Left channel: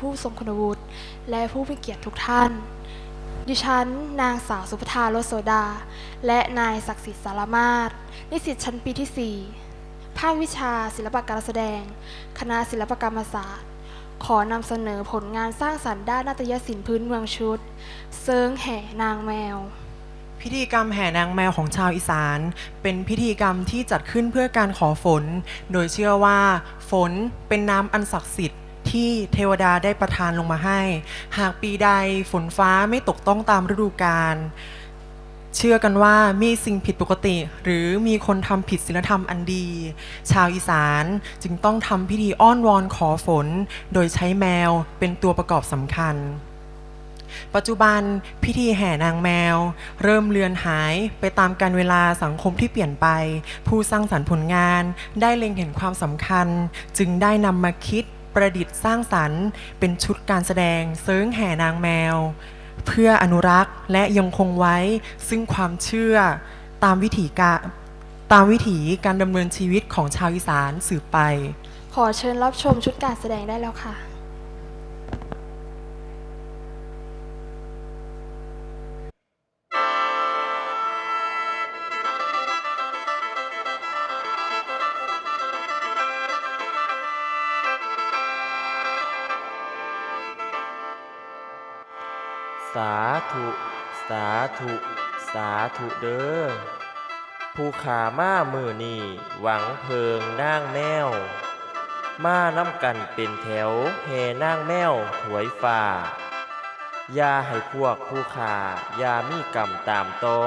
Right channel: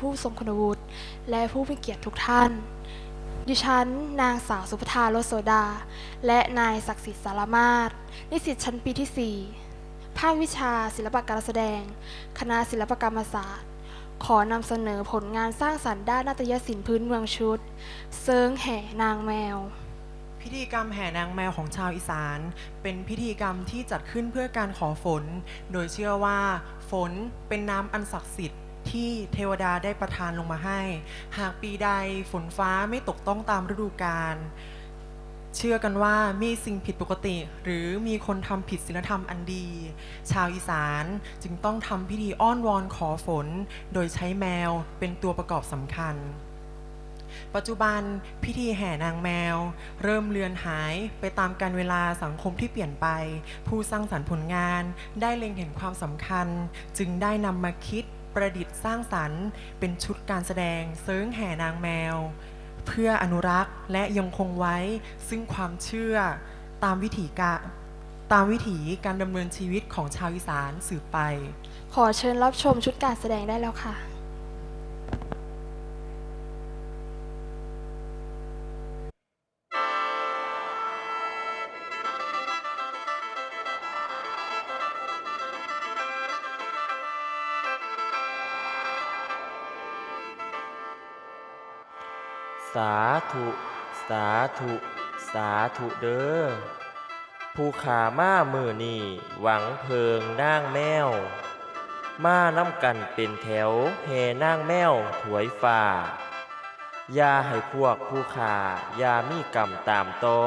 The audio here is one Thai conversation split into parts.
ผู้ทรงคุณวุฒิและผู้มีเกียรติทุกท่าน ดิฉัน นางสาวสุภธาโลโสดา และนายศักดิ์สิทธิ์สารมาศนิสิตชั้นปีที่ 4 ภาควิชาศิลปการแสดง คณะศิลปกรรมศาสตร์ ขอนำเสนอผลงานสร้างสรรค์ด้านนาฏยศิลป์พื้นเมืองชุด เซิงแห่นางแมวพิธีกรรมแห่นางแมวของชาวอีสาน เป็นพิธีกรรมที่จัดขึ้นเพื่อการขอฝน โดยเชื่อว่า ฝนเป็นน้ำอันศักดิ์สิทธิ์ ที่เทวดาได้ประทานลงมาให้ หากปีใดฝนฟ้าไม่ตกต้องตามฤดูกาลเชื่อกันว่ามีสิ่งผิดปกติ หรือมีคนทำผิดศีลธรรมอันดี ชาวอีสานจึงต้องทำพิธีอ้อนวอนขอฝน โดยใช้แมวเป็นตัวประกอบสำคัญ ปัจจุบันพิธีแห่นางแมว เริ่มเลือนหายไปตามการเวลาสังคมที่เปลี่ยนไป ผู้สร้างสรรค์ผลงานได้เล็งเห็นความสำคัญ จึงได้นำมาคิด ประดิษฐ์สร้างสรรค์ เป็นชุดการแสดงเซิงแห่นางแมว เพื่ออนุรักษ์และยังคงไว้ซึ่งความเชื่อตามวิถีกาตามวิถีการดำเนินชีวิตของชาวอีสานสืบไป ขอเชิญรับชมชุดการแสดงได้แล้วค่ะ สาธุ สาธุ สาธุเด้อผู้ขามามือนี่หวังเพิงนางแมว มาน้ำกันเป็นแถวแห่นางแมวถวยฟ้าอย่าให้พวกผู้ขาอย่ามีกรรมตามตอ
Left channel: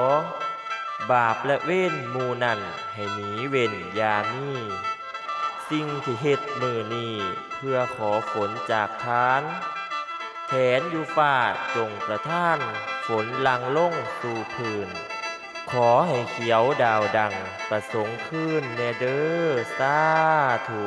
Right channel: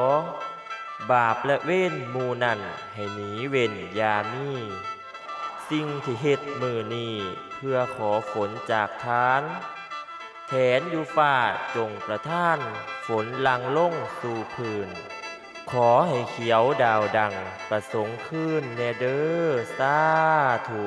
บาปและเว้นมูนั่นให้หนีเว้นยามีสิ่งที่เฮ็ดมือนี่เพื่อขอฝนจากทาน แผนอยู่ฟ้าจงประท่าน ฝนลังล่งสู่พื้น ขอให้เขียวดาวดังประสงค์ขึ้นแนเด้อสาธุ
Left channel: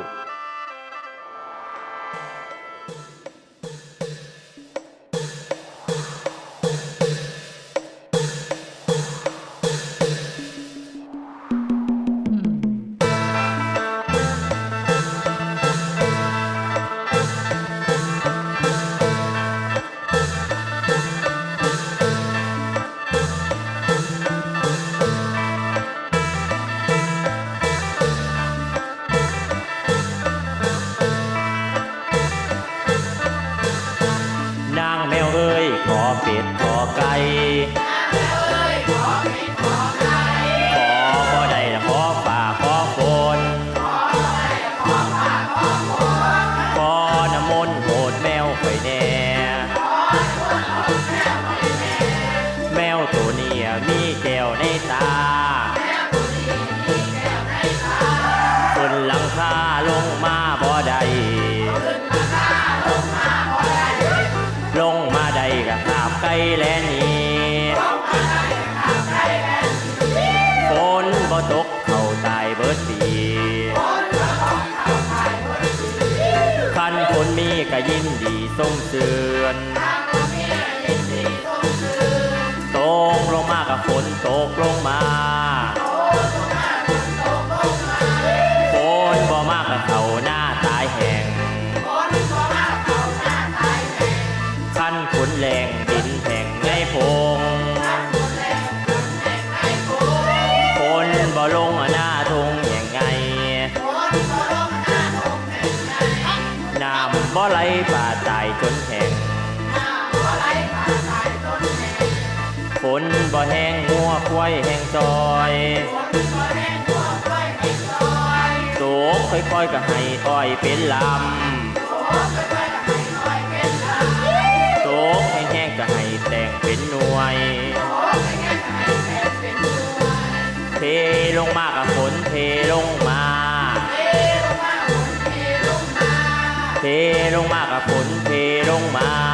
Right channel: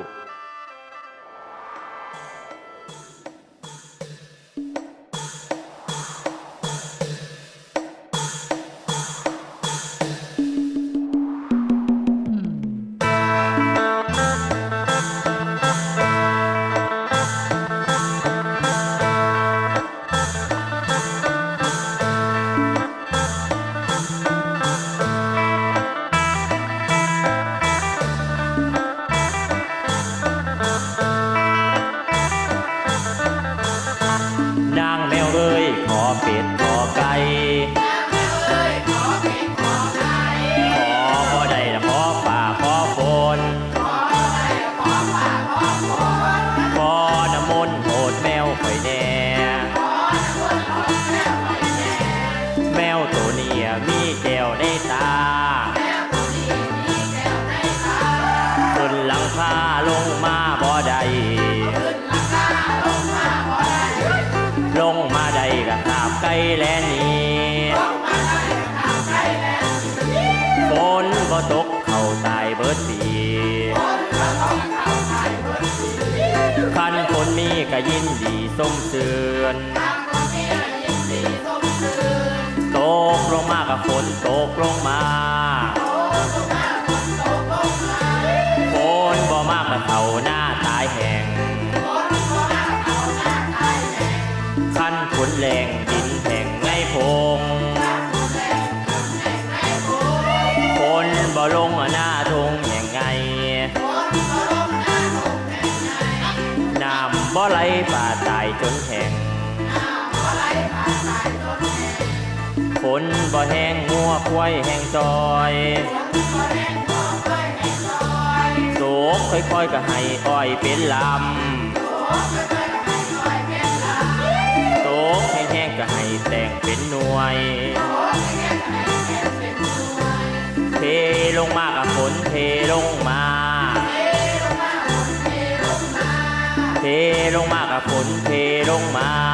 คาลงมาบ่ได้ลงมาได้ก็หาบไก่แลนี่ฝนบ่ตกเข้าตายเบิดปีคันคนมีก็ยินดีส้มเสือนตกลงมากับฝนตกลงมา เขาหน้าตายแหงขั้นฝนแรงดินแห้งไงพงฝนบ่ลงหน้าทงอย่างไงน้ำบ่ไหลป่าตายจนแห้งฝนบ่แห้งงัวควายแห้งจอย กค่อยๆก็ให้อ้อยเป็นลำโศกแห้งๆก็ให้แต่งเป็นหน่วย เทลงมากับฝนเทลงมา เทลงมากับฝนเทลงมา